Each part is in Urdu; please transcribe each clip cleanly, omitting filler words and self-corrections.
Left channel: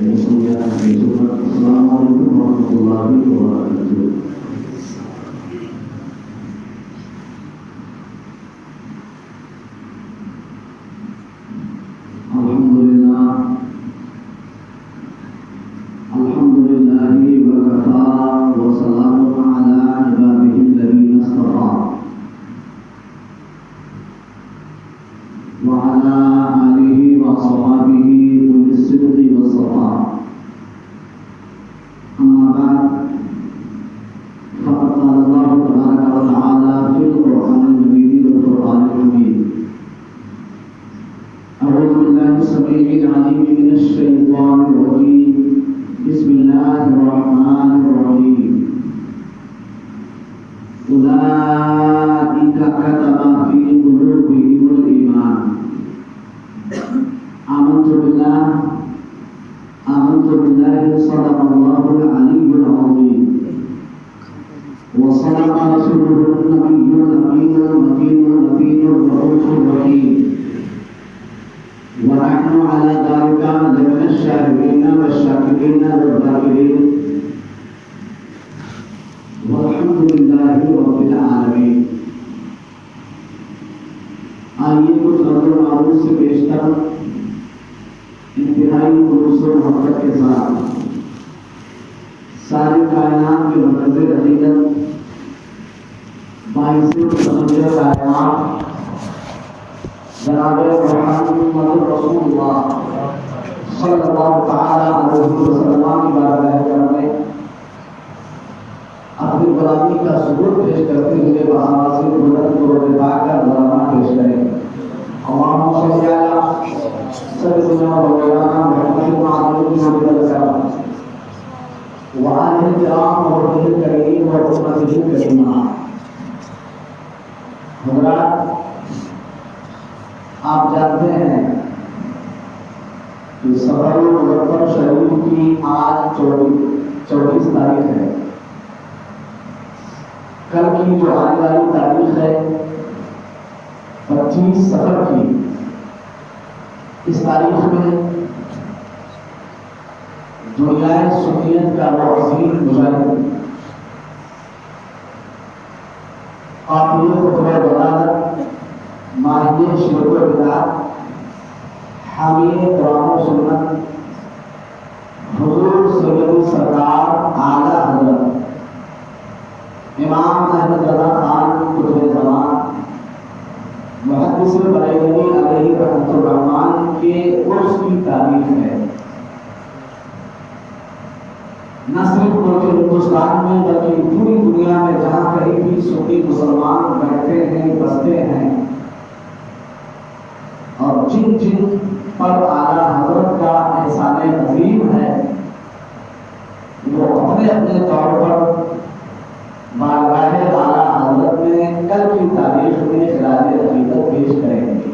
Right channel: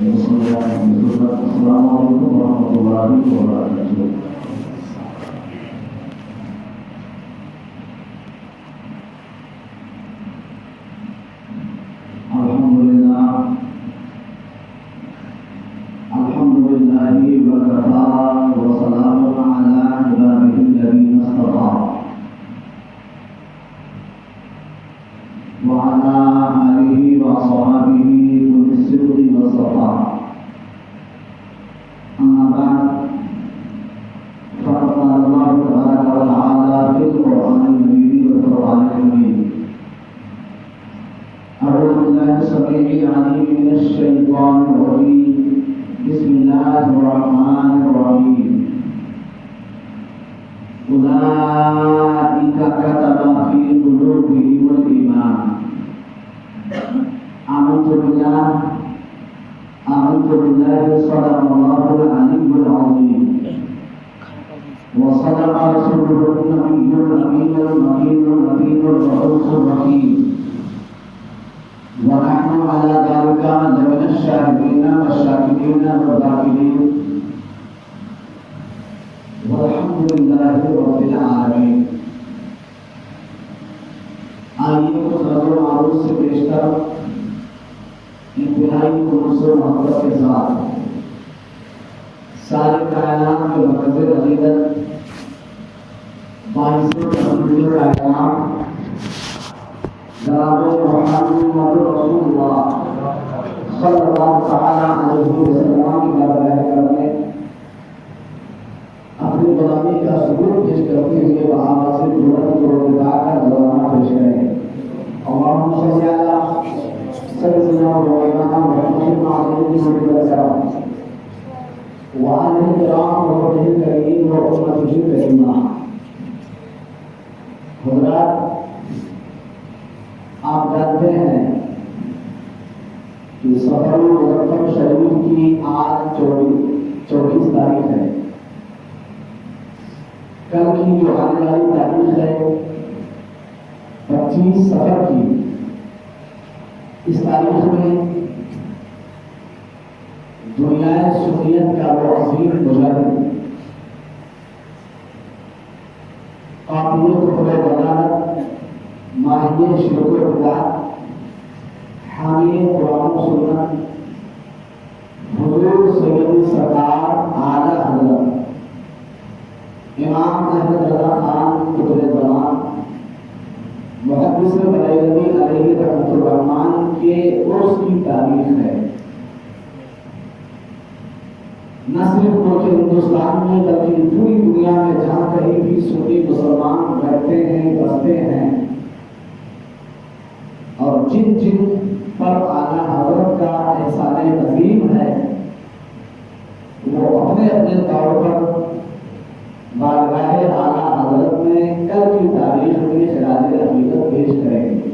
السلام علیکم ورحمۃ اللہ وبرکاتہ۔ ساری کائنات کے مرکز حقیقت باعث تقدیر کائنات جناب محمد رسول اللہ صلی اللہ تعالی علیہ وسلم کی بارگاہ کرنے اپنی غلامی کا ثبوت پیش کرتے ہوئے بآواز بلند و پاک کا نذرانہ پیش کریں۔ اللہم صلی علی سیدنا و مولانا محمد وعلى وآلہ الکرام وصحبہ الکریم و امتہ الکریمہ۔ حضرات، آپ جانتے ہیں کہ سفر مظفر شریف کی آج 24 تاریخ ہے۔ کل کی جو آنے والی تاریخ ہے 25 سفر کی، اس تاریخ میں دنیا سنیت کا وہ عظیم مجاہد، قاطع خطبہ ضلالت، ماہی شرک و بدعت، حامی قرآن و سنت، حضور سید سرکار اعلی حضرت امام احمد رضا خان قطب زمان محدث بریلوی علیہ رحمۃ الرحمن کے عرس کی تاریخ ہے۔ نہ صرف ملک ہندوستان میں بلکہ پوری دنیا میں جہاں کہیں بھی سنی مسلمان بیٹھے ہیں، بستے ہیں، اور جن جن پر اعلیٰ حضرت کا احسان عظیم ہے، وہ اپنے اپنے طور پر بارگاہ اعلیٰ حضرت میں کل کی تاریخ میں خراج عقیدت پیش کریں گے۔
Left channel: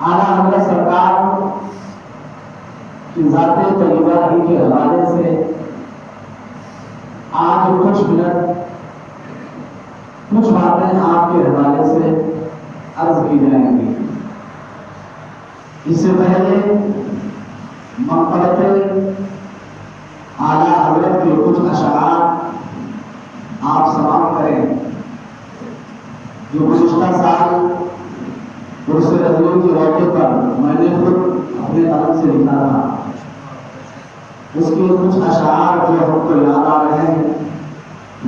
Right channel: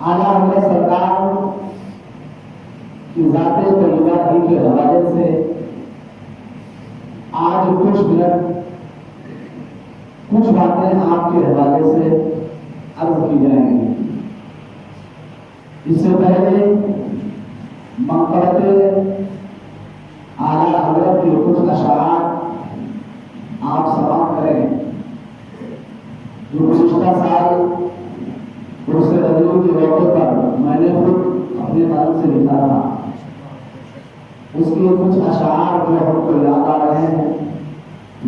اعلیٰ حضرت سرکار کی ذات طیبہ کے حوالے سے آج کچھ منٹ کچھ باتیں آپ کے حوالے سے عرض کی جائیں گی۔ اس سے پہلے منقبت اعلیٰ حضرت کے کچھ اشعار آپ سماعت کریں جو گزشتہ سال عرس رضوی کے موقع پر میں نے خود اپنے قلم سے لکھا تھا۔ اس کے کچھ اشعار جو ہم کو یاد آ رہے ہیں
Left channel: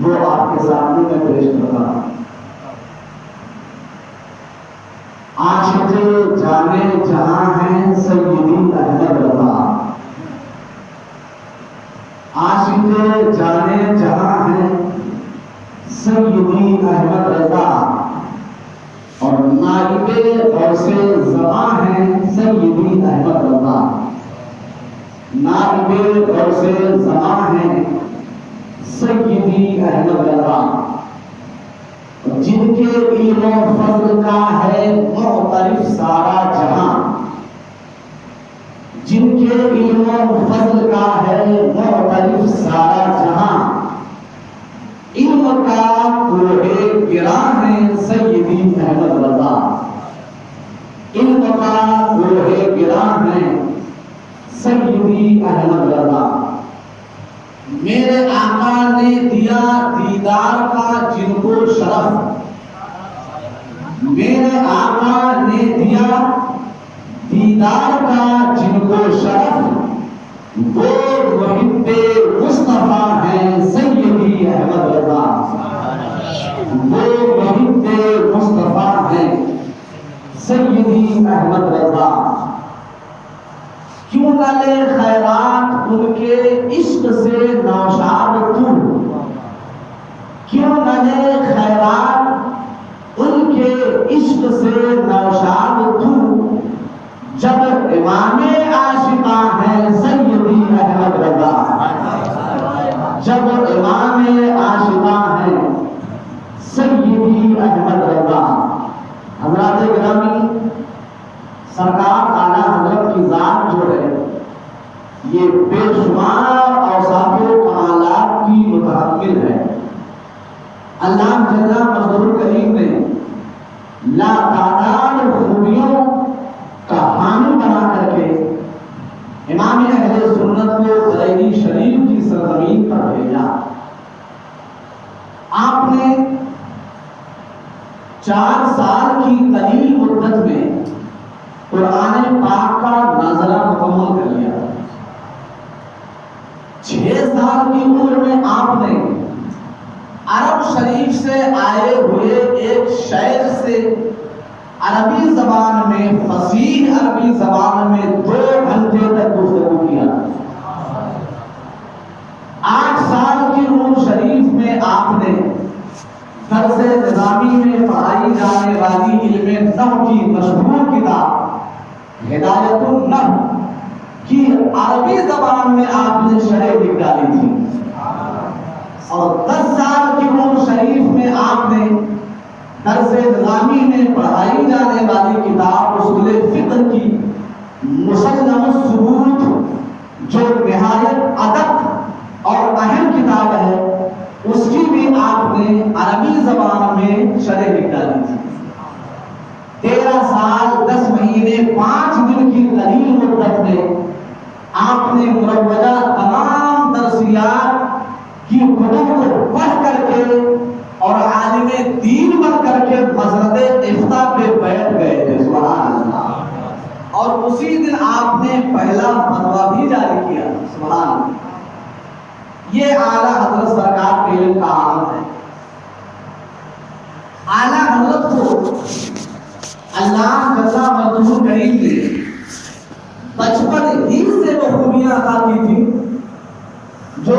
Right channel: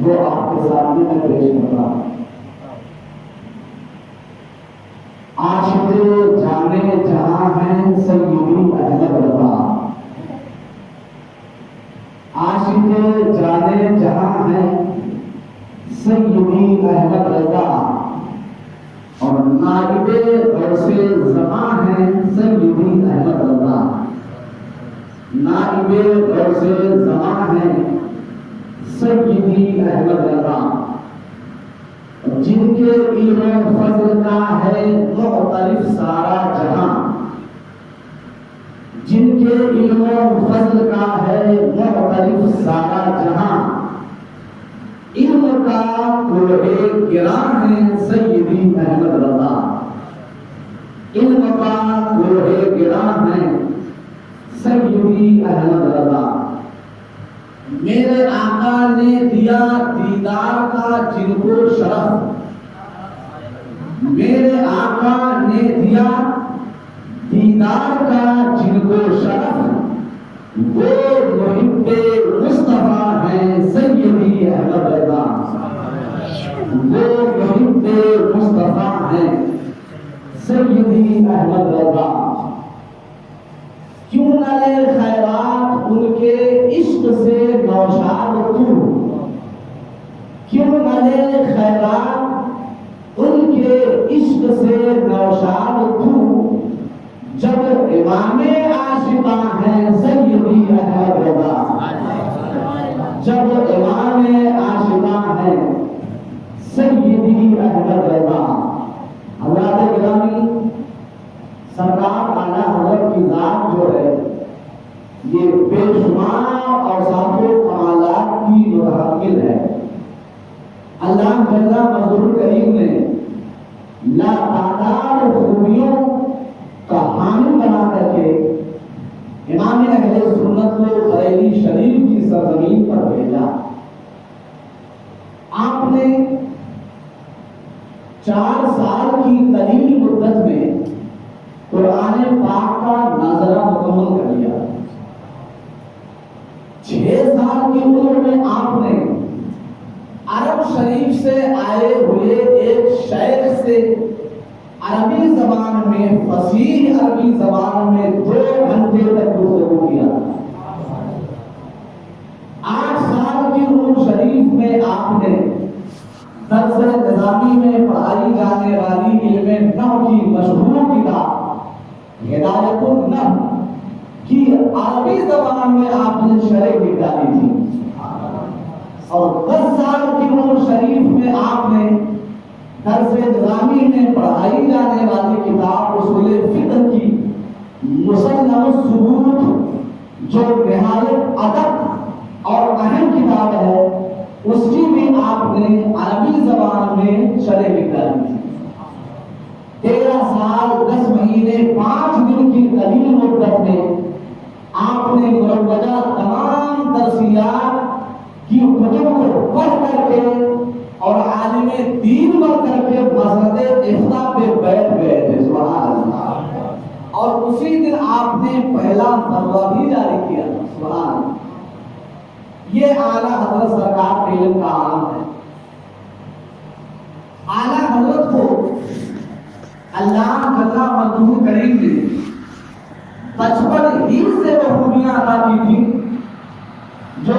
وہ آپ کے سامنے میں پیش کر رہا ہوں۔ عاشق جانے جہاں ہیں سیدی احمد رضا، عاشق جانے جہاں ہیں سیدی احمد رضا، اور نائب غوث زماں ہیں سیدی احمد رضا، نائب غوث زماں ہیں سیدی احمد رضا، جن کے علم و فضل کا ہے مختلف سارا جہاں، جن کے علم و فضل کا ہے مختلف سارا جہاں، علم کا کوہ گراں ہے سیدی احمد رضا، علم کا لوہے گراں ہیں سیدی احمد رضا، میرے آقا نے دیا دیدار کا جن کو شرف، میرے آقا نے دیا دیدار کا جن کو شرف، وہ محب مصطفیٰ ہیں سیدی احمد رضا، وہ محب مصطفیٰ ہیں سیدی احمد رضا۔ کیوں نہ لے خیرات ان کے عشق سے نوشاد تو، کیوں نہ لے خیرات ان کے عشق سے نوشاد تو، جب امام عاشقاں ہیں سیدی احمد رضا، جب امام عاشقاں ہیں سیدی احمد رضا۔ حضرات گرامی، سرکار اعلیٰ حضرت کی ذات جو ہے یہ بے شمار اوصاف و کمالات کی متحمل ہے۔ اللہ جل مجدہ کریم نے لا تعداد خوبیوں کا حامل بنا کر کے امام اہل سنت کو بریلی شریف کی سرزمین پر بھیجا۔ آپ نے 4 سال کی قلیل مدت میں قرآن پاک کا ناظرہ مکمل کر لیا۔ 6 سال کی عمر میں آپ نے عرب شریف سے آئے ہوئے ایک شیخ سے عربی زبان میں، فصیح عربی زبان میں 2 گھنٹے تک گفتگو کیا۔ 8 سال کی عمر شریف میں آپ نے درس نظامی میں پڑھائی جانے والی علم نحو کی مشہور کتاب ہدایت النحو کی عربی زبان میں آپ نے شرح لکھ ڈالی تھی، اور 10 سال کی عمر شریف میں آپ نے درس نظامی میں پڑھائی جانے والی کتاب اصول فقہ کی مسلم الثبوت جو نہایت ادق اور اہم کتاب ہے اس کی بھی آپ نے عربی زبان میں شرح لکھ ڈالی تھی۔ 13 سال 10 مہینے 5 دن کی قلیل مدت میں آپ نے مروجہ تمام درسیات کی کتب کو پڑھ کر کے اور عالم دین بن کر کے مسند افتاء پہ بیٹھ گئے تھے، سبحان اللہ، اور اسی دن آپ نے پہلا فتویٰ بھی جاری کیا، سبحان اللہ۔ یہ اعلیٰ حضرت سرکار کے علم کا عالم ہے۔ اعلیٰ حضرت کو اللہ جل مجدہ کریم نے بچپن ہی سے وہ خوبیاں عطا کی تھی جو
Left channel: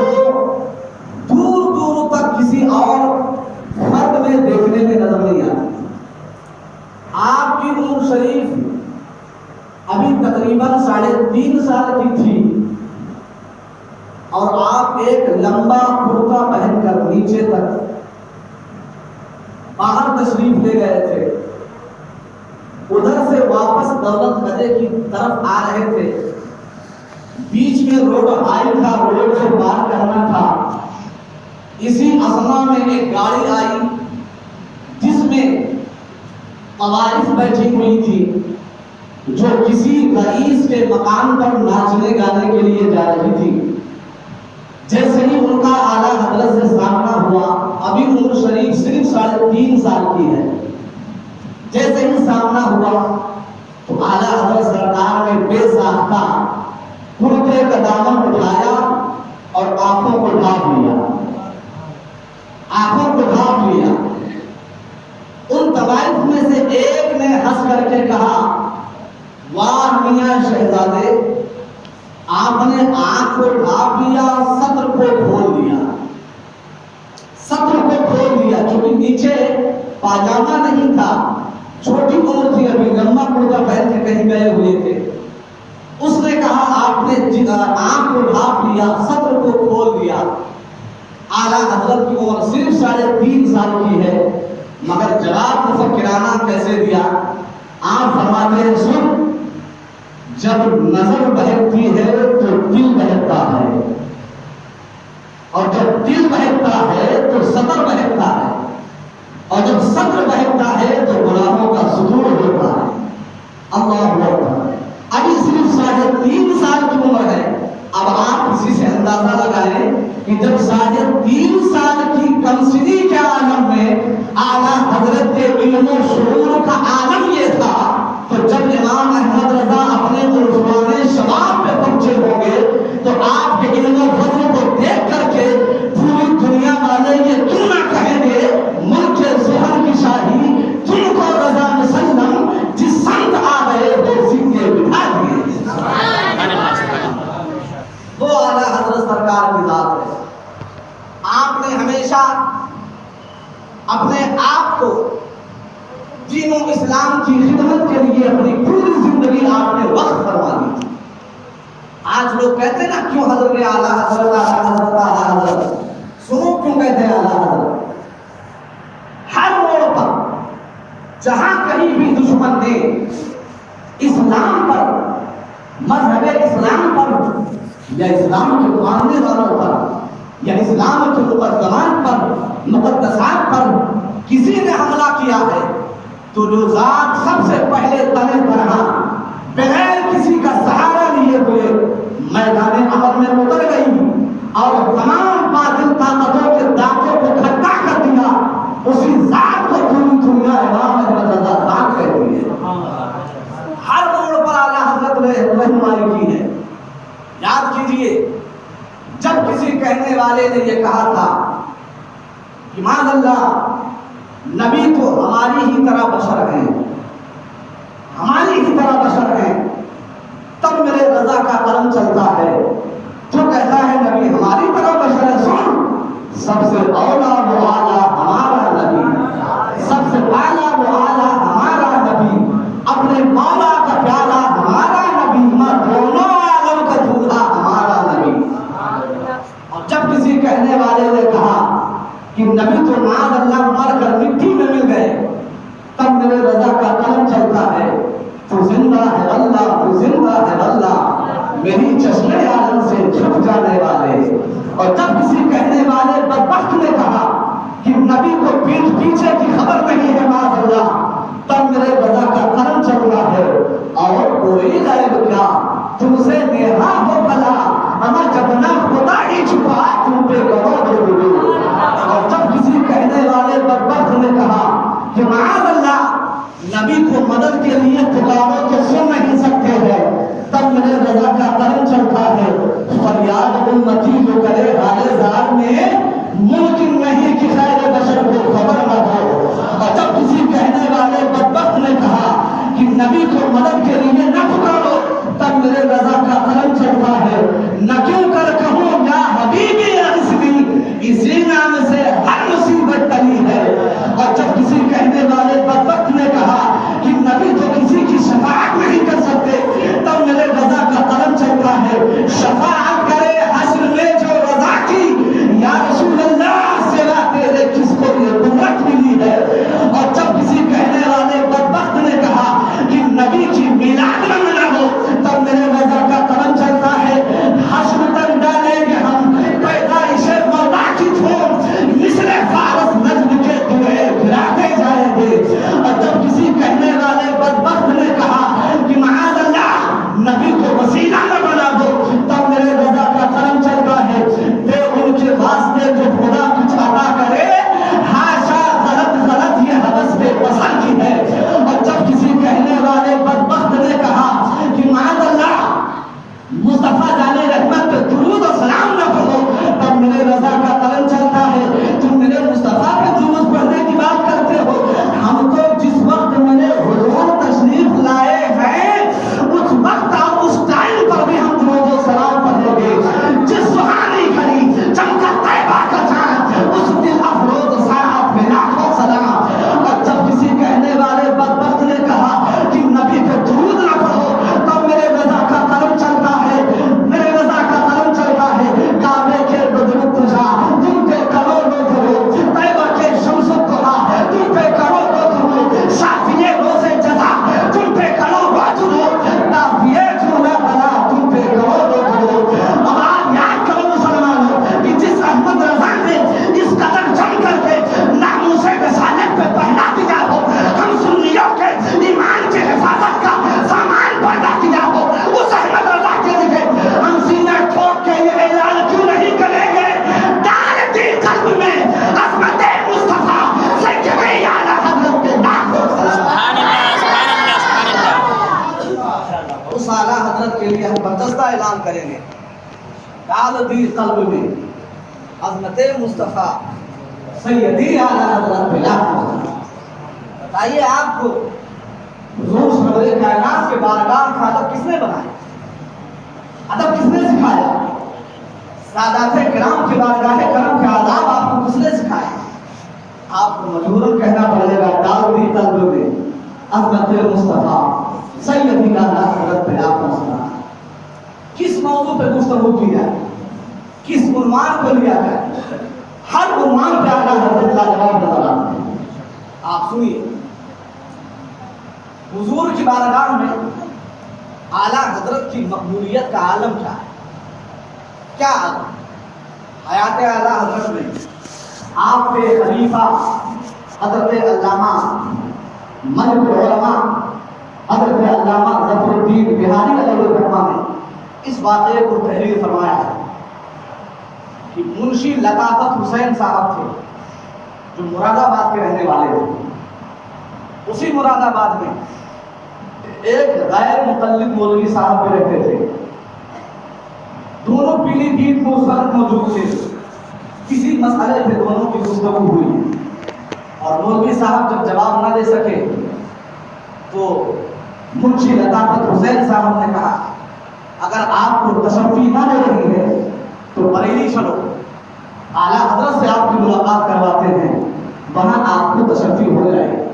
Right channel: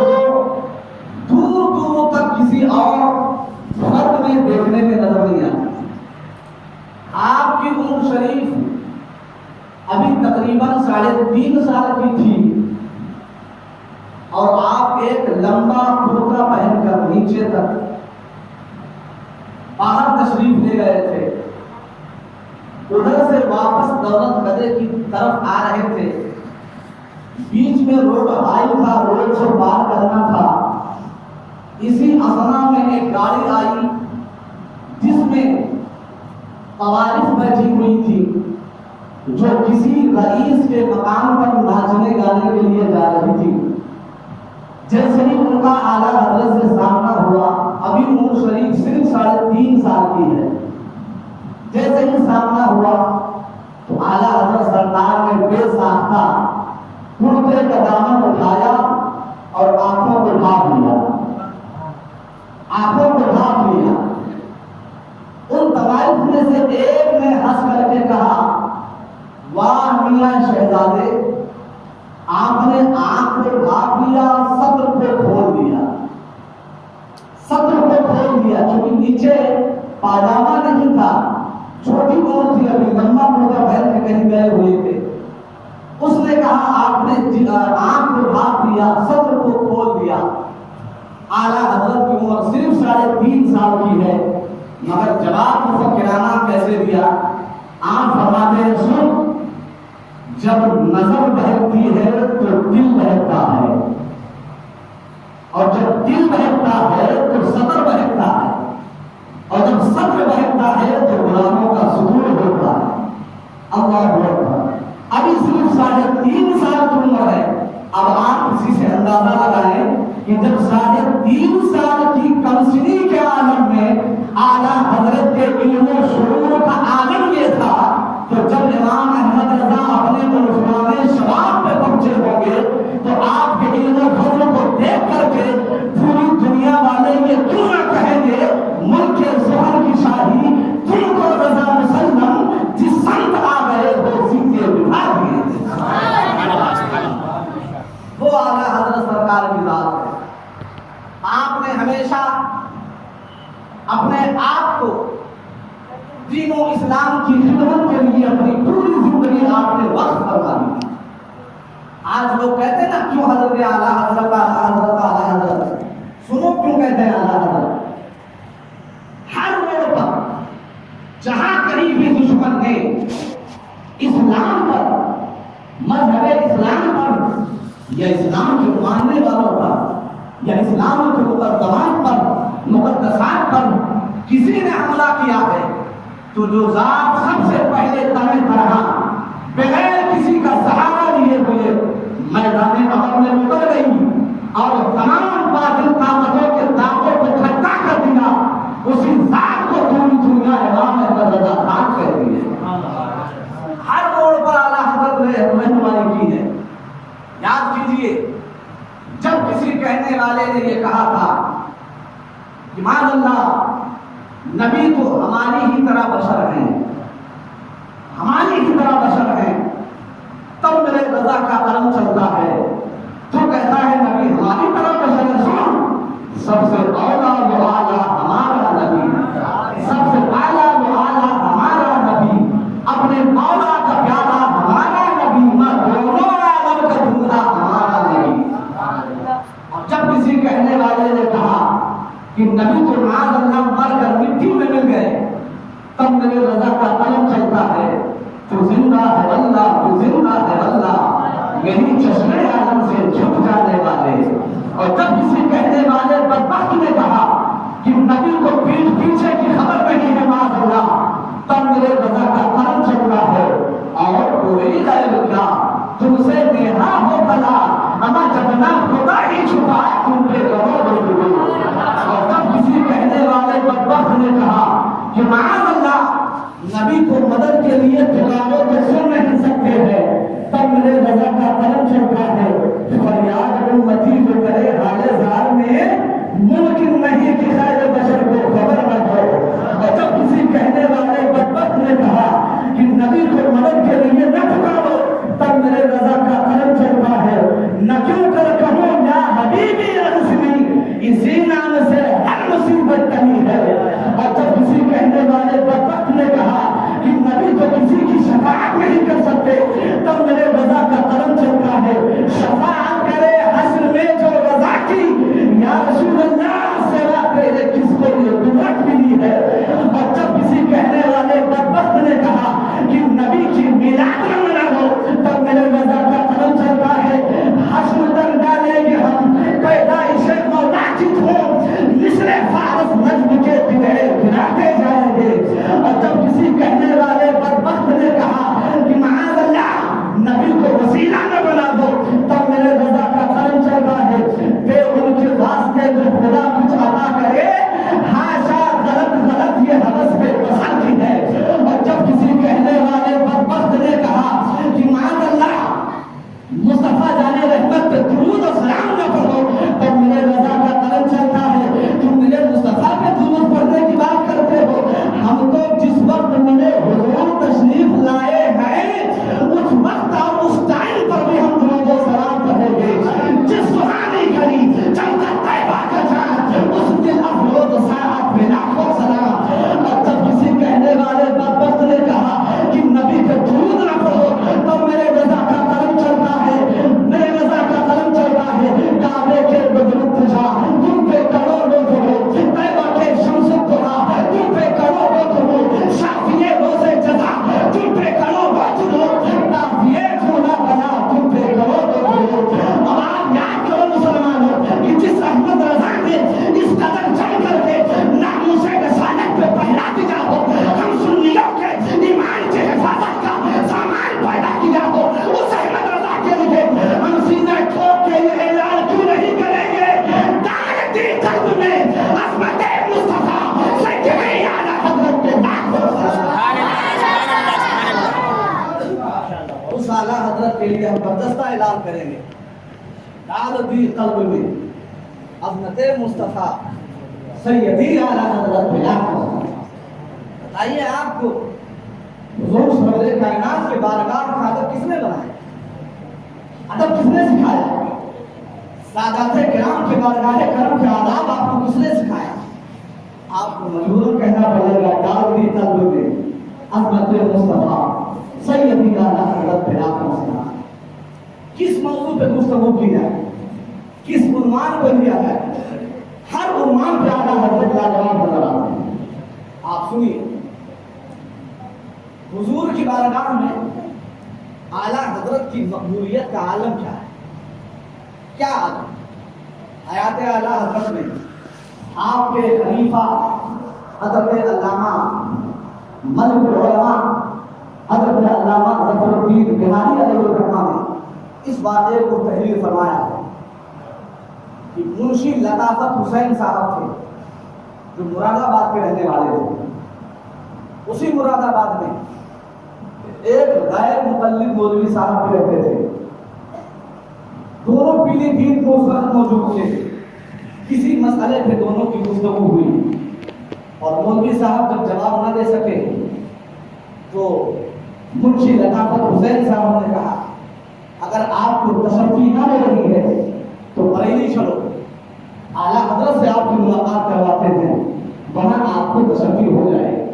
دور دور تک کسی اور فرد میں دیکھنے میں نظر نہیں آتی۔ آپ کی عمر شریف ابھی تقریباً 3.5 سال کی تھی، اور آپ ایک لمبا کرتا پہن کر نیچے تک باہر تشریف لے گئے تھے۔ ادھر سے واپس دولت خدے کی طرف آ رہے تھے، بیچ میں روڈ ہائی تھا، روڈ سے پار کرنا تھا۔ اسی اثنا میں ایک گاڑی آئی جس میں قوارف بیٹھی ہوئی تھی جو کسی رئیس کے مقام پر ناچنے گانے کے لیے جا رہی تھی۔ جیسے ہی ان کا اعلیٰ حضرت سے سامنا ہوا، ابھی عمر شریف صرف 3.5 سال کی ہے، جیسے ہی سامنا ہوا تو اعلیٰ حضرت سرکار نے بے ساختہ کرتے کا دامن اٹھایا اور آنکھوں کو ڈھانپ لیا، آنکھوں کو ڈھانپ لیا۔ ان طوائف میں سے ایک نے ہنس کر کے کہا، واہ میاں شہزادے، آپ نے آنکھ کو ڈھانپ لیا، صدر کو کھول دیا، صدر کو کھول دیا، کیونکہ نیچے پاجامہ نہیں تھا، چھوٹی عمر تھی، ابھی لمبا کرتا پہن کے کہیں گئے ہوئے تھے۔ اس نے کہا آپ نے آنکھ کو ڈھانپ لیا، صدر کو کھول دیا۔ اعلیٰ حضرت کی عمر صرف 3.5 سال کی ہے، مگر جواب مفکرانہ کیسے دیا؟ آپ فرماتے ہیں، سن، جب نظر بہکتی ہے تو دل بہکتا ہے، اور جب دل بہکتا ہے تو صدر بہکتا ہے، اور جب صدر بہکتا ہے تو گناہوں کا صدور ہوتا ہے۔ اللہ اکبر۔ جب 3.5 سال کی کمسنی کے عالم میں اعلیٰ حضرت کے علم و شعور کا عالم یہ تھا، تو جب امام احمد رضا اپنے عنوان شباب پہ پہنچے ہوں گے تو آپ کے علم و فضل کو دیکھ کر کے پوری دنیا والے یہ کیوں نہ کہیں گے ملک ظہر کی شاہی تم کو رضا مسلم جس سمت آ گئے وہ سیدھے بٹھا دیے۔ وہ اعلیٰ حضرت سرکار کی ذات ہے۔ آپ نے ہمیشہ اپنے آپ کو دین و اسلام کی خدمت کے لیے اپنی پوری زندگی آپ نے وقف فرما دی۔ آج لوگ کہتے ہیں نا کیوں حضرت اعلیٰ حضرت اعلیٰ حضرت، سنو کیوں کہتے ہیں اعلیٰ حضرت۔ ہر موڑ پر جہاں کہیں بھی دشمن نے اسلام پر، مذہب اسلام پر یا اسلام کے ماننے والوں پر یا اسلام کے مقدمات پر، مقدسات پر کسی نے حملہ کیا ہے تو جو ذات سب سے پہلے تنگ برہاں بغیر کسی کا سہارا لیے ہوئے میدان عمل میں اتر گئی اور تمام باطل طاقتوں کے دانتوں کو کھٹا کر دیا، اسی ذات کو پوری دنیا امام احمد رضا خان کہتی ہے۔ ہر موڑ پر اعلیٰ حضرت نے رہنمائی کی ہے۔ یاد کیجئے جب کسی کہنے والے نے یہ کہا تھا کہ معاذ اللہ نبی تو ہماری ہی طرح بشر ہیں، ہماری ہی طرح بشر ہیں، تب میرے رضا کا قلم چلتا ہے۔ جو کہتا ہے نبی ہماری طرح بشر ہے، سن سب سے اولا و اعلیٰ ہمارا نبی، سب سے اعلیٰ و اعلیٰ ہمارا نبی، اپنے مولا کا پیارا ہمارا نبی، دونوں عالم کا دولہا ہمارا نبی۔ اور جب کسی کہنے والے نے کہا کہ نبی تو معاذ اللہ مر کر مٹی میں مل گئے، تب میرے رضا کا قلم چلتا ہے، تو زندہ ہے اللہ، تو زندہ ہے اللہ، میری چشمے عالم سے جھک جانے والے۔ اور جب کسی کہنے والے بدبخت نے کہا کہ نبی کو پیچھے کی خبر نہیں ہے معاذ اللہ، تب میرے رضا کا قلم چلتا ہے، اور کوئی غیب کیا تم سے نہا ہو بلا، اما جب نہ خدا ہی چھپا تم پہ کرو درود۔ اور جب کسی کہنے والے بدبخت نے کہا کہ معاذ اللہ نبی کو مدد کے لیے پکارو تو سن نہیں سکتے ہیں، تب میرے رضا کا قلم چلتا ہے، فریاد امتی جو کرے حال زار میں ممکن نہیں کہ خیر بشر کو خبر نہ ہو۔ اور جب کسی کہنے والے بدبخت نے کہا کہ نبی کو مدد کے لیے نہ پکارو، تب میرے رضا کا قلم چلتا ہے، نہ کیوں کر کہوں یا حبیبی اغثنی، اسی نام سے ہر مصیبت ٹلی ہے۔ اور جب کسی کہنے والے بدبخت نے کہا کہ نبی تو کسی کی شفاعت نہیں کر سکتے، تب میرے رضا کا قلم چلتا ہے، شفاعت کرے حشر میں جو رضا کی، یا رسول اللہ سوا تیرے کس کو یہ قدرت ملی ہے۔ اور جب کسی کہنے والے بدبخت نے کہا کہ نبی کی میلاد نہ مناؤ، تب میرے رضا کا قلم چلتا ہے، حشر تک ڈالیں گے ہم پیدائش مولا کی دھوم، مصر فارس نجم کے دلے گراتے جائیں گے۔ اور جب کسی کہنے والے بدبخت نے کہا کہ معاذ اللہ نبی کو وسیلہ نہ بنا دو، تب میرے رضا کا قلم چلتا ہے، بے ان کے واسطے جو خدا کچھ عطا کرے، ہاشا غلط غلط یہ حوث بے پسند کی ہے۔ اور جب کسی کہنے والے بدبخت نے کہا کہ معاذ اللہ مصطفیٰ جانے رحمت پہ درود و سلام نہ پڑھو، تب میرے رضا کا قلم چلتا ہے، تم میرے مصطفیٰ پہ درود پڑھنے کی بات کرتے ہو، ہم تو جس وقت میرے حضور تشریف لائے ہیں اس وقت اور اس ٹائم پر بھی ہم درود و سلام پڑھیں گے۔ جس سہانی گھڑی چمکا طیبہ کا چاند، اس دل افروز ساعت پہ لاکھوں سلام۔ اور جب کسی کہنے والے بدبخت نے کہا کہ نبی پہ درود نہ پڑھو، تب میرے رضا کا قلم چلتا ہے، میرے رضا کا قلم چلتا ہے، کعبے کے بدر تجا تم پہ کروڑوں درود، طیبہ کے شمس الضحیٰ تم پہ کروڑوں درود، شافیے روزے جزا تم پہ کروڑوں درود، نافیے جھولا بلا تم پہ کروڑوں درود۔ اب آپ یاد کرو مسلمانوں کہ جس احمد رضا نے اس قدر جم کر کے ناموس رسالت پہ پہلا دیا ہو، ہم سنیوں کے ایمان کی حفاظت کا سامان پیدا کیا ہو، اس احمد رضا کے لیے ہم سینہ ٹھوک کے یہ اعلان کیوں نہیں کریں گے لیے ہم برجستہ اعلان کریں گے، ڈال دی قلب میں عظمت مصطفیٰ سیدی اعلیٰ حضرت بلال۔ بتائیے آپ کو حضور سرور کائنات کے بارگاہ کا ادب کس نے بنایا؟ ادب کس نے سکھایا؟ سادات کرام کے بارگاہ کرم کے آداب آپ کو کس نے سکھائے؟ آپ کو مجبوراً کہنا پڑے گا ڈال دی قلب میں عظمت مصطفیٰ سیدی اعلیٰ حضرت بلال۔ کس موضوع پہ گفتگو کی جائے، کس عنوان کو لیا جائے، ہر عنوان پہ اعلیٰ حضرت لاجواب نظر آتے ہیں۔ آپ سنیے، حضور کی بارگاہ میں اعلیٰ حضرت کی مقبولیت کا عالم کیا ہے؟ کیا عالم؟ حیات اعلیٰ حضرت میں آپ کے خلیفہ حضرت علامہ ملک العلماء حضرت علامہ ظفر الدین بہاری علیہ الرحمہ نے اس واقعے کو تحریر فرمایا ہے کہ منشی لطافت حسین صاحب تھے جو مراد آباد کے رہنے والے تھے۔ اسی مراد آباد میں ایک غیر متعلق مولوی صاحب بھی رہتے تھے۔ دونوں پیلی دین کو اس وقت موجود تھے۔ کسی مسئلے پہ دونوں کی گفتگو ہوئی اور مولوی صاحب جب جواب نہ دے سکے تو منشی لطافت حسین صاحب نے کہا اگر آپ کو تشفی نہ دے رہی ہے تو بریلی چلو، اعلیٰ حضرت سے آپ کی ملاقات کرواتے ہیں، وہاں آپ کو تشفی ہو جائے۔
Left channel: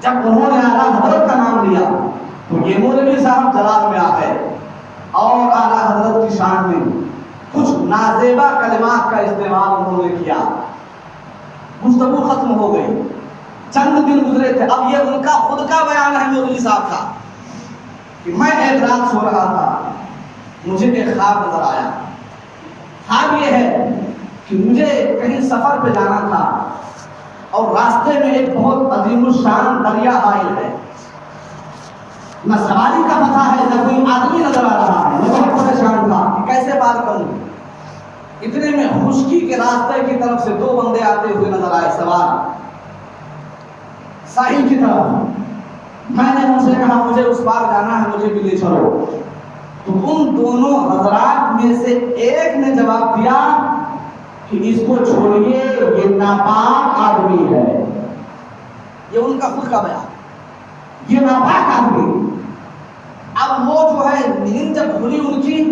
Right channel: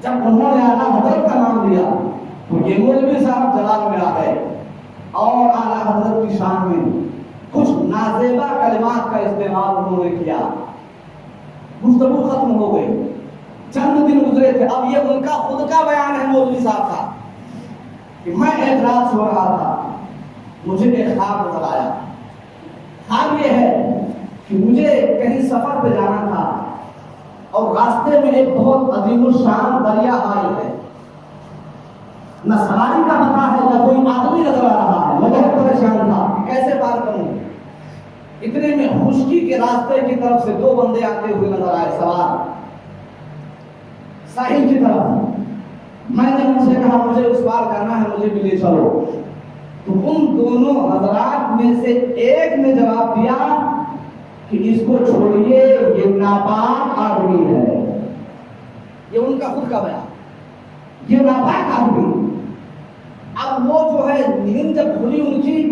جب انہوں نے اعلیٰ حضرت کا نام لیا تو یہ مولوی صاحب جلال میں آ گئے اور اعلیٰ حضرت کی شان میں کچھ نازیبا کلمات کا استعمال انہوں نے کیا۔ گفتگو ختم ہو گئی، چند دن گزرے تھے، اب یہ ان کا خود کا بیان ہے مولوی صاحب کا کہ میں ایک رات سو رہا تھا، مجھے ایک خواب نظر آیا۔ خواب یہ ہے کہ مجھے کہیں سفر پہ جانا تھا اور راستے میں ایک بہت عظیم الشان دریا حائل ہے، نہ سواری کا پتہ ہے نہ کوئی آدمی نظر آ رہا ہے۔ میں بہت پریشان تھا کہ کیسے پار کروں۔ اتنے میں خشکی کے راستے کی طرف سے دو بندے آتے ہوئے نظر آئے سوار ساحل کی طرف۔ میں نے ان سے کہا مجھے اس پار جانا ہے، مجھے بھی لے چلو۔ تو ان دونوں حضرات میں سے ایک نے جواب دیا کہ اس کو چھوڑیے، یہ ناپاک آدمی ہے۔ یہ ان کا خود کا بیان، یہ ناپاک آدمی۔ اب وہ جو ہے نیند جب کھلی ان کی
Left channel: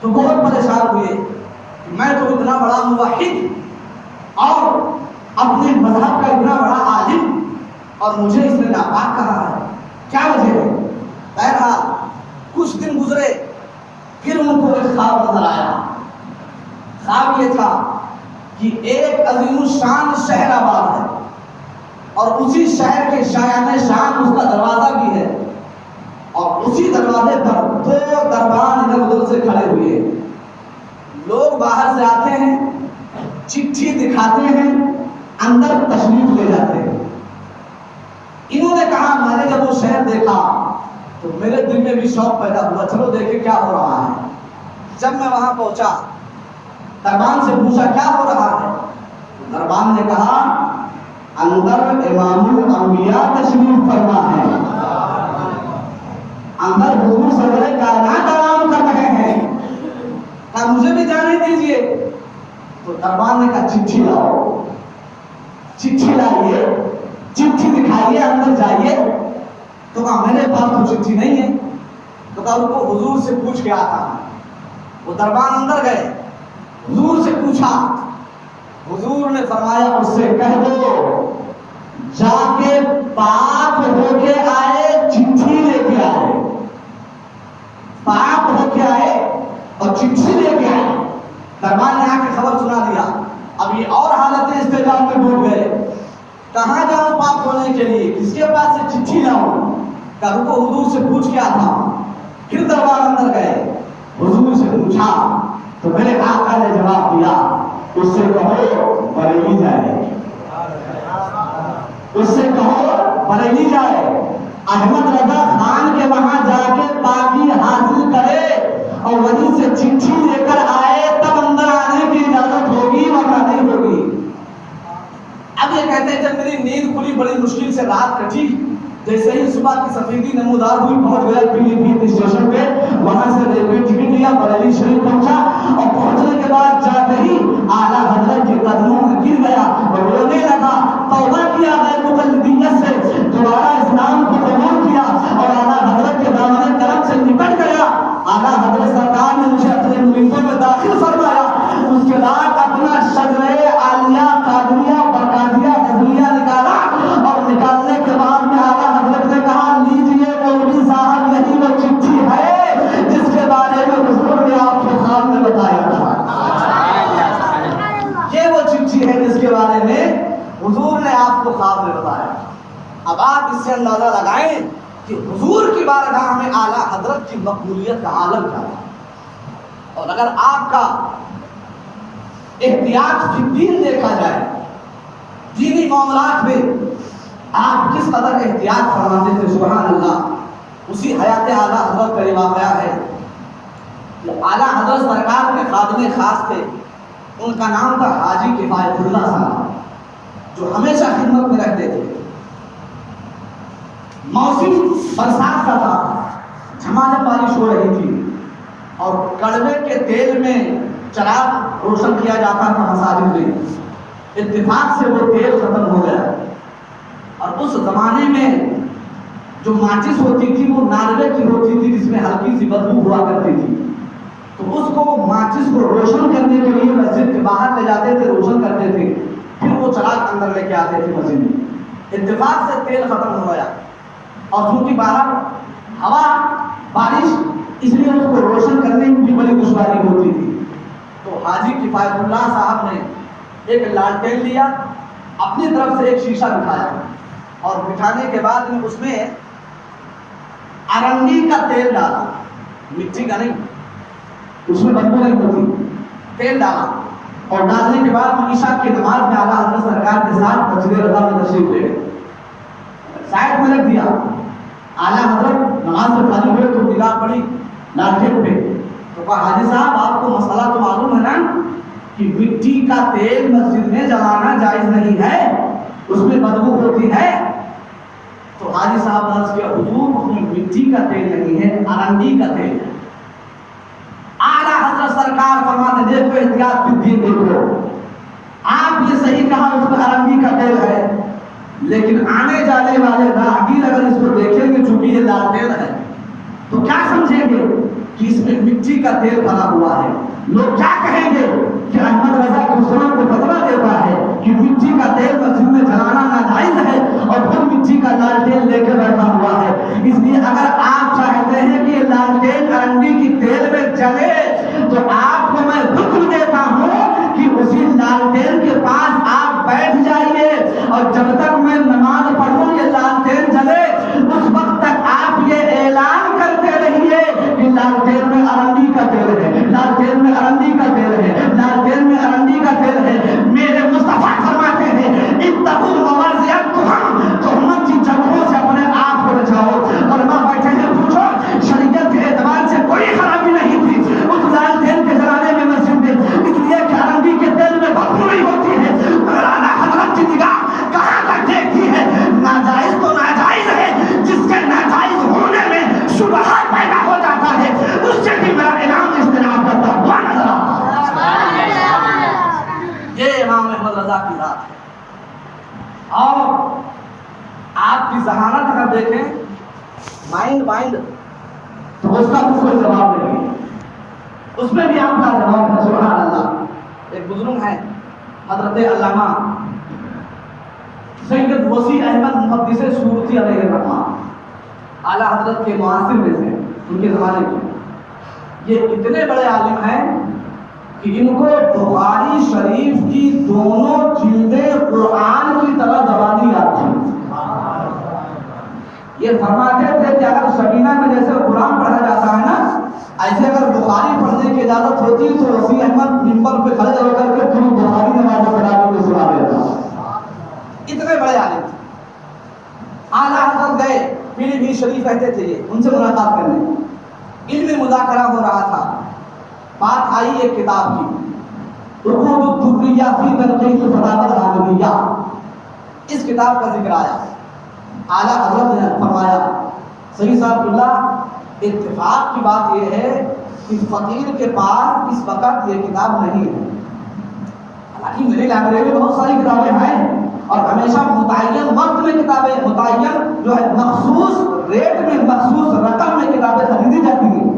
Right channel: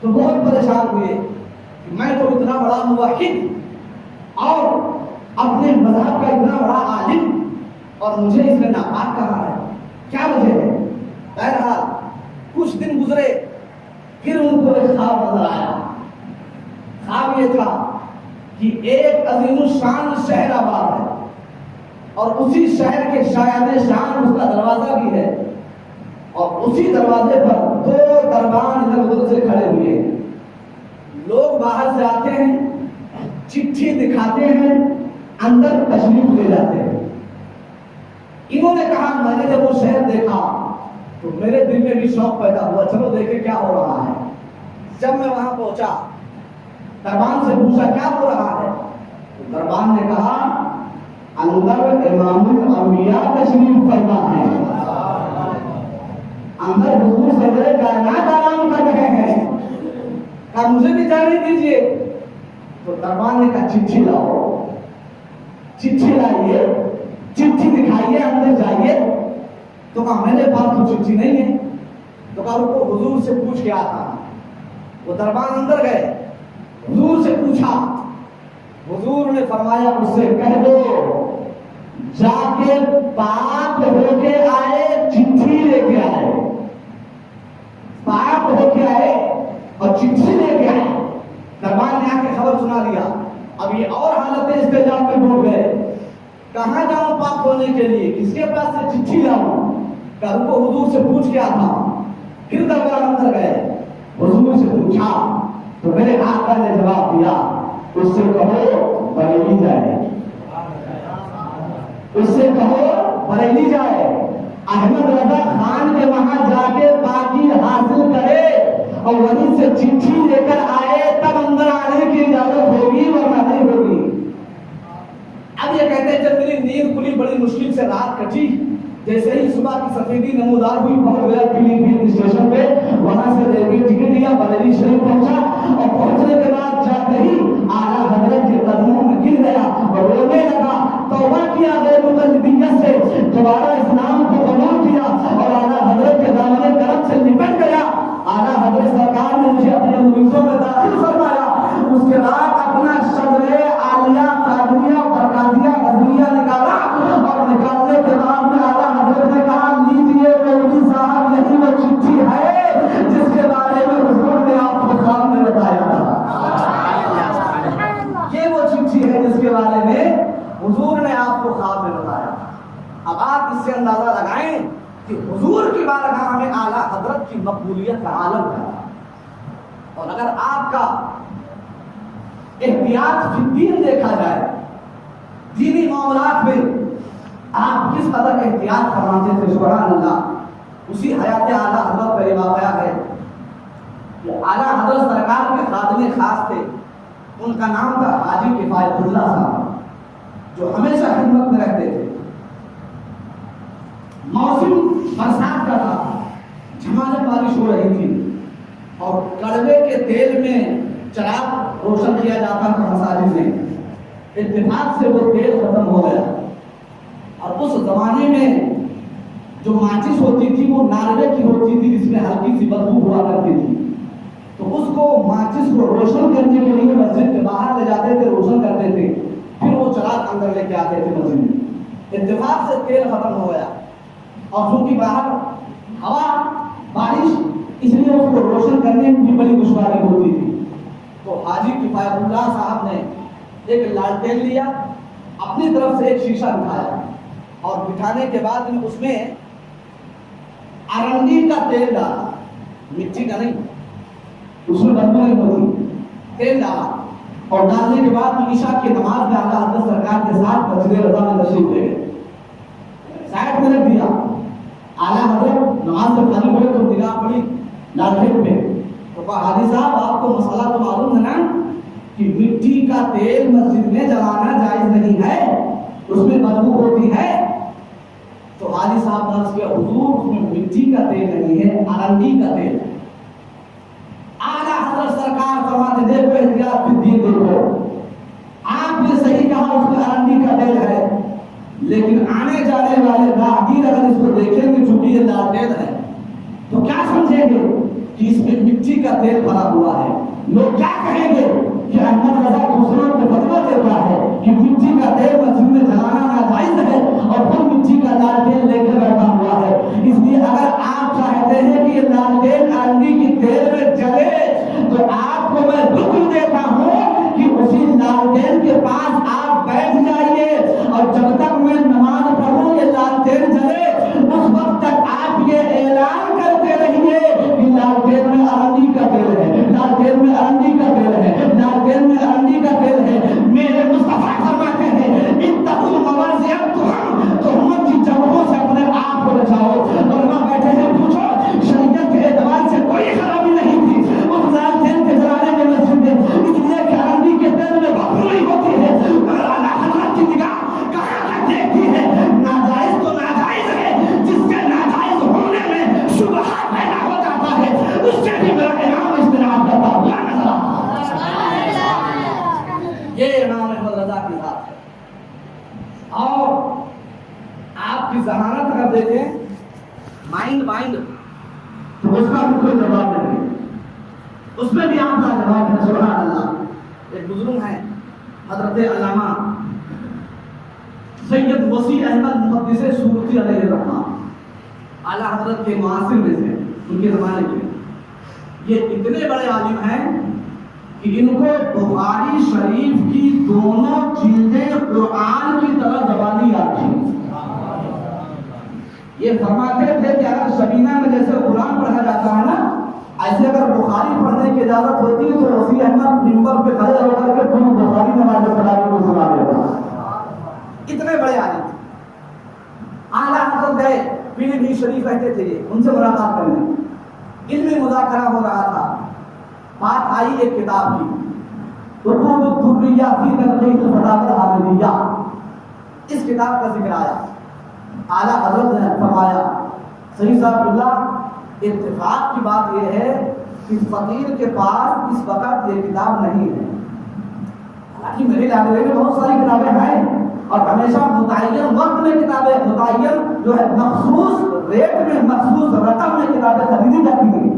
تو بہت پریشان ہوئے، میں تو اتنا بڑا موحد اور اپنے مذہب کا اتنا بڑا عالم اور مجھے اس نے ناپاک کہا ہے، کیا وجہ ہے؟ بہرحال کچھ دن گزرے، پھر ان کو ایک خواب نظر آیا۔ خواب یہ تھا کہ ایک عظیم الشان شہر آباد ہے اور اسی شہر کے شایان شان اس کا دروازہ بھی ہے اور اسی دروازے پر دو دربان ادھر ادھر سے کھڑے ہوئے۔ لوگ باہر سے آتے ہیں، چٹھی دکھاتے ہیں، اندر تشریف لے جاتے ہیں۔ انہوں نے کہا میں نے جب وہ شہر دیکھا تو میرے دل میں بھی شوق پیدا ہوا، چلو دیکھیں کیا ہو رہا ہے۔ جب میں وہاں پہنچا، دربان سے پوچھا کیا ہو رہا ہے؟ دربان نے کہا اندر امام الانبیاء تشریف فرما ہے، اندر حضور سرور کائنات آرام کر رہے ہیں، کہا مجھے بھی جانے دیجیے۔ تو دربان نے کہا چٹھی لاؤ۔ چٹھی لائیے، چٹھی دکھائیے، اندر جائیے۔ تو کہا میرے پاس تو چٹھی نہیں ہے۔ تو کہا رکو حضور سے پوچھ کے آتا ہوں۔ وہ دربان اندر گئے، حضور سے پوچھا، حضور نے فرمایا اس سے کہہ دو جا کے پاک ہو کے آئے، چٹھی لے کے آئے، پاک ہو کے آئے اور چٹھی لے کے آئے۔ دربان نے آ کے خبر سنا دیا۔ اب یہ اور حالت استجاب میں ڈوب گئے، کہاں جاؤں پاک ہونے کے لیے، کس کے پاس سے چٹھی لاؤں؟ کہا رکو حضور سے پوچھ کے آتا ہوں۔ پھر دربار اندر گئے، حضور سے پوچھا تو میرے آقا نے جواب دیا اس سے کہو بریلی جائے، اس سے کہو بریلی جائے، احمد رضا خان کے وہاں جا کے پاکی حاصل کرے اور وہیں سے چٹھی لے کر آئے، تب اندر آنے کی اجازت ہوگی ورنہ نہیں ہوگی۔ اب یہ کہتے ہیں جب میری نیند کھلی، بڑی مشکل سے رات کٹی، جیسے ہی صبح کی سفیدی نمودار ہوئی پہنچ گیا پیلی بھیت اسٹیشن پہ، وہاں سے ریلوے ٹکٹ لیا، بریلی شریف پہنچا اور پہنچنے کے بعد جاتے ہی اعلیٰ حضرت کے قدموں میں گر گیا اور رونے لگا، توبہ کیا غیر مقلدیت سے، دوبارہ اسلام کو قبول کیا اور اعلیٰ حضرت کے دامن کرم سے نپٹ گیا۔ اعلیٰ حضرت سرکار نے مجھے اپنے مریدوں میں داخل فرمایا، اس کے بعد اپنا شجرے عالیہ قادریہ برقادیہ غزلیہ نکالا اور نکالنے کے بعد میں اعلیٰ حضرت نے کہا لیجیے مولوی صاحب یہی وہ چٹھی ہے جس کے بارے میں حضور نے آپ کے سامنے بتایا تھا، یہ وہ چٹھی ہے جس کے بارے میں حضور نے آپ کو خواب میں بتایا۔ اب آپ اس سے اندازہ لگائیں کہ حضور کی بارگاہ میں اعلیٰ حضرت کی مقبولیت کا عالم کیا ہے، اور اگر آپ کا احتیاط فی الدین دیکھا جائے، دینی معاملات میں آپ کس قدر احتیاط فرماتے تھے، سبحان اللہ۔ اسی حیات اعلیٰ حضرت کا یہ واقعہ ہے کہ اعلیٰ حضرت سرکار میں خادم خاص تھے، ان کا نام تھا حاجی کفایت اللہ صاحب، جو ہمیشہ خدمت میں رہتے تھے۔ موسم برسات کا تھا، جھماجھم بارش ہو رہی تھی اور کڑوے کے تیل میں چراغ روشن کیا جاتا تھا مساجد میں، اتفاق سے وہ تیل ختم ہو گیا اور اس زمانے میں جو ماچس ہوتی تھی وہ ناروے کی ہوتی تھی جس میں ہلکی سی بدبو ہوا کرتی تھی، تو اس کو ماچس کو روشن کرنے کے لیے مسجد کے باہر لے جاتے تھے، روشن کرتے تھے، پھر وہ چراغ اندر لے کے آتے تھے مسجد میں۔ اتفاق سے تیل ختم ہو گیا اور چونکہ باہر ہوا بارش، اس لیے اس کو روشن کرنے میں بھی بڑی دشواری ہوتی تھی، تو حاجی کفایت اللہ صاحب نے ایک لالٹین لیا، اپنی طرف سے ایک شیشہ بٹھایا اور بٹھانے کے بعد میں اس میں ارنڈی کا تیل ڈالا، مٹی کا نہیں، اس میں بدبو نہیں ہوتی، تیل ڈالا اور ڈالنے کے بعد میں عشاء کی نماز میں اعلیٰ حضرت سرکار کے ساتھ مسجد رضا میں تشریف لے گئے، سائڈ میں رکھ دیا۔ اعلیٰ حضرت نماز سے فارغ ہوئے تو نگاہ پڑی لالٹین پہ، تو کہا حاجی صاحب آپ کو مسئلہ تو معلوم ہے نا کہ مٹی کا تیل مسجد میں جلانا جائز نہیں ہے، اس میں بدبو ہوتی ہے۔ تو حاجی صاحب نے عرض کیا حضور اس میں مٹی کا تیل نہیں ہے، ارنڈی کا تیل ہے۔ اعلیٰ حضرت سرکار فرماتے دیکھو احتیاط فی الدین، دیکھو آپ نے صحیح کہا اس میں ارنڈی کا تیل ہے، لیکن آنے جانے والے راہگیر اگر اس کو دیکھیں گے چونکہ یہ لالٹین ہے تو کیا سمجھیں گے کہ اس میں مٹی کا تیل بھرا ہوا ہے، لوگ کیا کہیں گے کہ احمد رضا مسلم کو فتویٰ دیتا ہے کہ مٹی کا تیل مسجد میں جلانا ناجائز ہے اور پھر مٹی کا لالٹین لے کے بیٹھا ہوا ہے۔ اس لیے اگر آپ چاہتے ہیں کہ یہ لالٹین ارنڈی کی تیل میں جلے تو آپ کو میں حکم دیتا ہوں کہ اسی لالٹین کے پاس آپ بیٹھ جائیے اور جب تک میں نماز پڑھوں یہ لالٹین جلے اس وقت تک آپ یہ اعلان کرتے رہیے کہ لالٹین میں ارنڈی کا تیل ہے، لالٹین میں ارنڈی کا تیل ہے، لالٹین میں ارنڈی کا تیل ہے۔ میرے مصطفیٰ فرماتے ہیں اتقوا الموازئ، تہمت کی جگہوں سے اپنے آپ کو بچاؤ۔ اور ماں بیٹھے ہیں پوچھو شریعت کے اعتبار سے کوئی خرابی نہیں تھی اس لالٹین کے جلانے میں مسجد میں، اس لیے کہ ارنڈی کے تیل میں بدبو نہیں ہوتی ہے، مگر اعلیٰ حضرت کی نگاہ کہاں تک دیکھتی ہے، ناجائز تو ناجائز ہے، جس کے ناجائز ہونے میں شبہات پیدا ہو جاتا ہے اس سے بھی میرا انعام اجتناب کرتا ہوا نظر آتا ہے۔ یہ امام احمد رضا کی ذات ہے، اور آپ کی ذہانت اگر دیکھیں مائنڈ تو اس کا بھی کوئی جواب نہیں، اس میں بھی آپ کا جواب ہے، سبحان اللہ۔ ایک بزرگ ہیں حضرت علامہ سید وسیع احمد محدث سورتی علیہ الرحمہ، اعلیٰ حضرت کے معاصر میں سے ان کے زمانے میں، یہ اتنے بڑے عالم ہیں کہ ان کو بخاری شریف کی دونوں جلدیں قرآن کی طرح زبانی یاد تھی۔ یہ فرماتے تھے کہ اگر شبینہ میں جیسے قرآن پڑھا جاتا ہے نا، ایسے اگر بخاری پڑھنے کی اجازت ہوتی تو وسیع احمد ممبر پہ کھڑے ہو کر کے تم بخاری نماز پڑھانے کو سنا دیتا۔ اتنے بڑے عالم اعلیٰ حضرت گئے، پیلی بھیت شریف رہتے تھے، یہ ان سے ملاقات کرنے، علمی مذاکرہ ہو رہا تھا، بات آئی ایک کتاب کی، عقود الدبریہ فی تنقیح الفتاوی الحامدیہ، اس کتاب کا ذکر آیا۔ اعلیٰ حضرت نے فرمایا سید صاحب اللہ اتفاق کی بات یہ ہے کہ فقیر کے پاس اس وقت یہ کتاب نہیں ہے. حالانکہ میری لائبریری میں بہت ساری کتابیں ہیں اور ہمیشہ متعین وقت میں کتابیں متعین جو ہے مخصوص ریٹ میں مخصوص رقم میں کتابیں خریدی جاتی ہیں،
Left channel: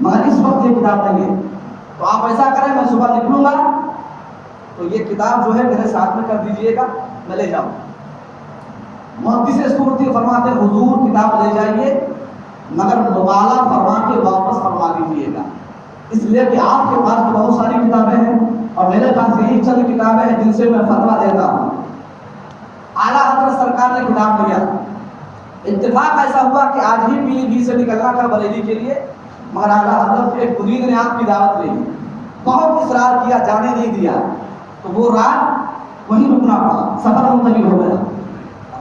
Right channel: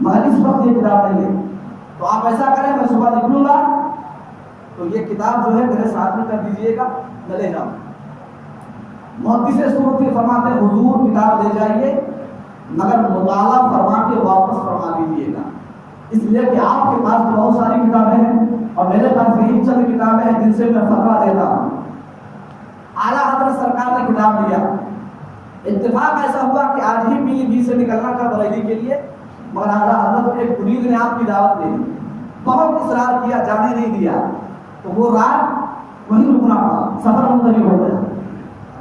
مگر اس وقت یہ کتاب نہیں ہے. تو آپ ایسا کریں میں صبح نکلوں گا تو یہ کتاب جو ہے میرے ساتھ میں کر دیجئے گا، میں لے جاؤں. محدث صورتی فرماتے ہیں حضور کتاب لے جائیے مگر مطالعہ فرما کے واپس فرما دیجیے گا، اس لیے کہ آپ کے پاس تو بہت ساری کتابیں ہیں اور میرے پاس یہی چند کتابیں ہیں جن سے میں فتویٰ دیتا ہوں. اعلیٰ حضرت سرکار نے کتاب لیا. اتفاق ایسا ہوا کہ آج ہی پیلی بھی سے نکلنا تھا بریلی کے لیے، مگر اعلیٰ حضرت کے ایک مرید نے آپ کی دعوت لے لی، بہت اصرار کیا، جانے نہیں دیا، تو وہ رات وہیں رکنا پڑا، سفر منتقل ہو گیا.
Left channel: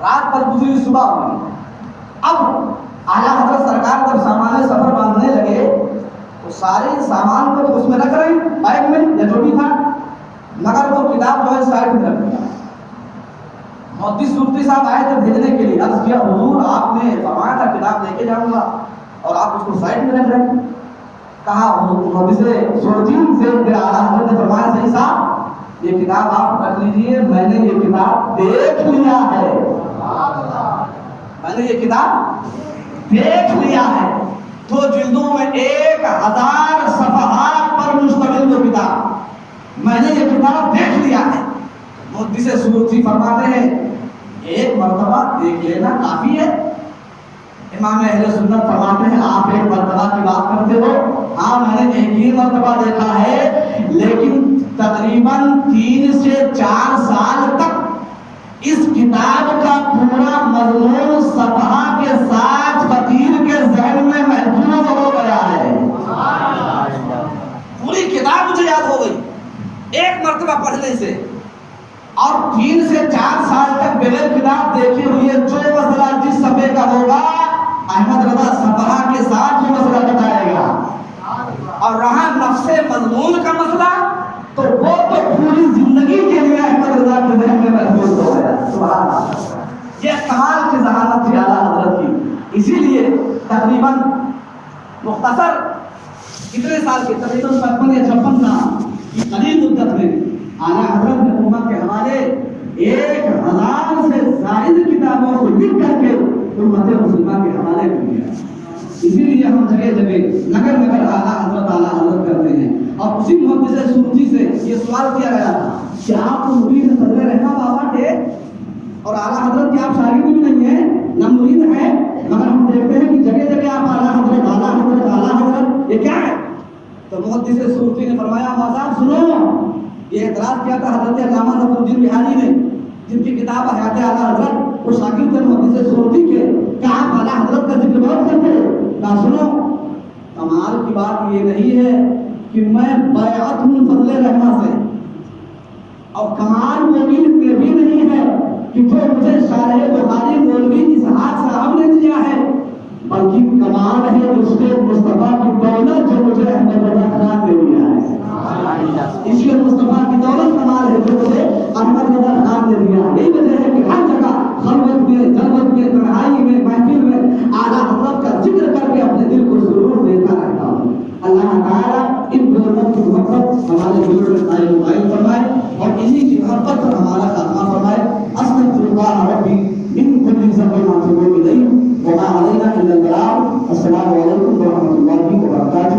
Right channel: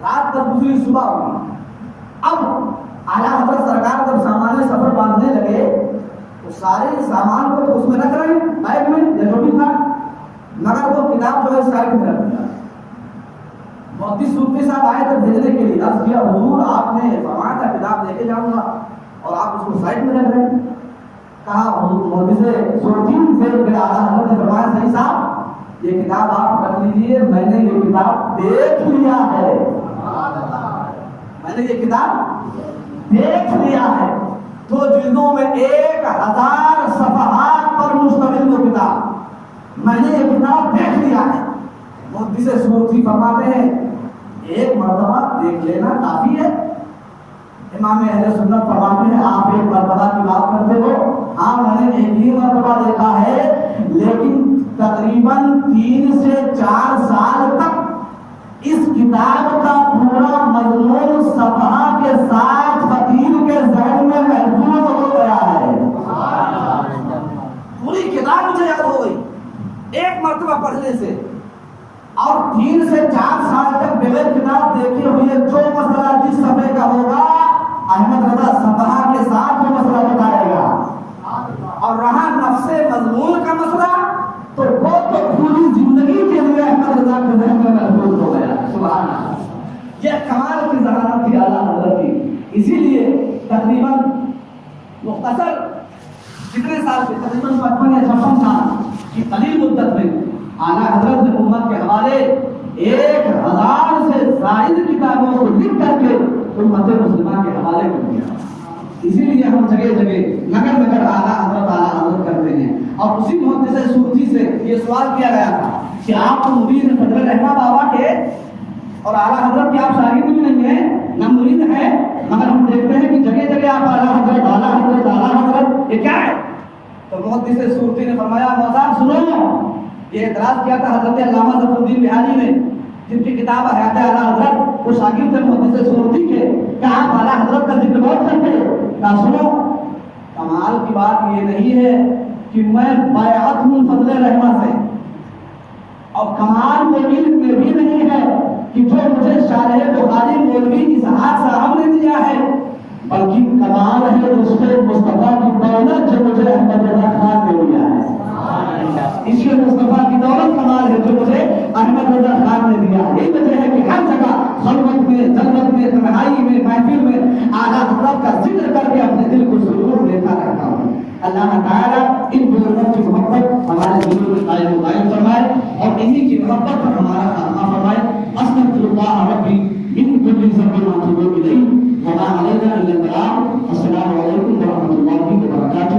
رات پر گزری صبح ہوئی. اب اعلیٰ حضرت سرکار جب سامان سفر باندھنے لگے تو سارے سامان کو تو اس میں رکھ رہے ہیں بیگ میں یا جو بھی تھا، مگر وہ کتاب جو ہے سائڈ میں رکھ دیا. محدث صورتی صاحب آئے تھے بھیجنے کے لیے، عرض کیا حضور آپ نے فرمایا تھا کتاب لے کے جاؤں گا اور آپ اس کو سائڈ میں رکھ رہے ہیں. کہا محدث صورتی سے پھر اعلیٰ حضرت نے فرمایا صحیح صاحب یہ کتاب آپ رکھ لیجیے، میں نے یہ کتاب دیکھ لیا ہے، میں نے یہ کتاب دیکھ لیا ہے. دو جلدوں میں 1000 صفحات پر مشتمل وہ کتاب، میں نے یہ کتاب دیکھ لیا ہے. محدث صورتی فرماتے ہیں ایک مرتبہ دیکھ لینا کافی ہے. امام اہل سنت فرماتے ہیں آپ ایک مرتبہ کی بات کرتے ہو، ہاں میں نے ایک ہی مرتبہ دیکھا ہے، لیکن تقریباً 3 سے 4 سال تک اس کتاب کا پورا مضمون صفحہ کے ساتھ فقیر کے ذہن میں محفوظ ہو گیا ہے. پوری کتاب مجھے یاد ہو گئی ایک مرتبہ پڑھنے سے، اور 3 سے 4 سال تک بغیر کتاب دیکھے ہوئے جو مسئلہ جس صفحے کا ہوگا احمد رضا صفحہ کے ساتھ وہ مسئلہ بتائے گا. اور رہا نفس مضمون کا مسئلہ تو وہ تو پوری زندگی کے لیے احمد رضا کے ذہن میں محفوظ ہو گیا. سبحان اللہ، یہ کمال کی ذہانت تھی اعلیٰ حضرت کی. اسی لیے تقریباً مختصر کتنے سال کے تقریباً 55 یا 56 سال قلیل مدت میں اعلیٰ حضرت نے امت کے حوالے 1000 سے زائد کتابوں کو لکھ کر کے امت مسلمہ کے حوالے کر دیا. اسی لیے ہم جگہ جگہ نگر نگر اعلیٰ حضرت کرتے ہیں. اور اسی محدث صورتی سے یہ سوال کیا گیا تھا کہ آپ کو مرید صدر رحمہ بابا کے اور اعلیٰ حضرت کے آپ شاگرد بھی نہیں ہیں نہ مرید ہیں، مگر ہم دیکھتے ہیں کہ جگہ جگہ آپ اعلیٰ حضرت اعلیٰ حضرت اعلیٰ حضرت، یہ کیا ہے؟ تو محدث صورتی نے فرمایا صاحب سنو، یہ اعتراض کیا تھا حضرت علامہ ظفر الدین بہاری نے جن کی کتاب حیات اعلیٰ حضرت، وہ شاگرد تھے محدث صورتی کے، کہ آپ اعلیٰ حضرت کا ذکر بہت کرتے ہیں. کہا سنو، کمال کی بات یہ نہیں ہے کہ میں بیعت ہوں فضل رحمہ سے، اور کمال مولوی میں بھی نہیں ہے کہ جو مجھے شارح بخاری مولوی اسحاق صاحب نے دیا ہے، بلکہ کمال ہے اس کے مصطفیٰ کی دولت جو مجھے احمد رضا خان نے دیا ہے. اس لیے مصطفیٰ کی دولت کمال ہے جو مجھے احمد رضا خان نے دیا. یہی وجہ ہے کہ ہر جگہ خلوت میں، جلوت میں، تنہائی میں، محفل میں اعلیٰ حضرت کا ذکر کر کے اپنے دل کو سرور دیتا رہتا ہوں. اللہ تعالیٰ ان بزرگوں کی محبت ہمارے دلوں میں قائم و دائم فرمائے اور انہی کی محبت پر ہمارا خاتمہ فرمائے. استغفر اللہ ربی من کل ذنب واتوب الیہ وما علینا الا البلاغ. السلام علیکم ورحمۃ اللہ وبرکاتہ.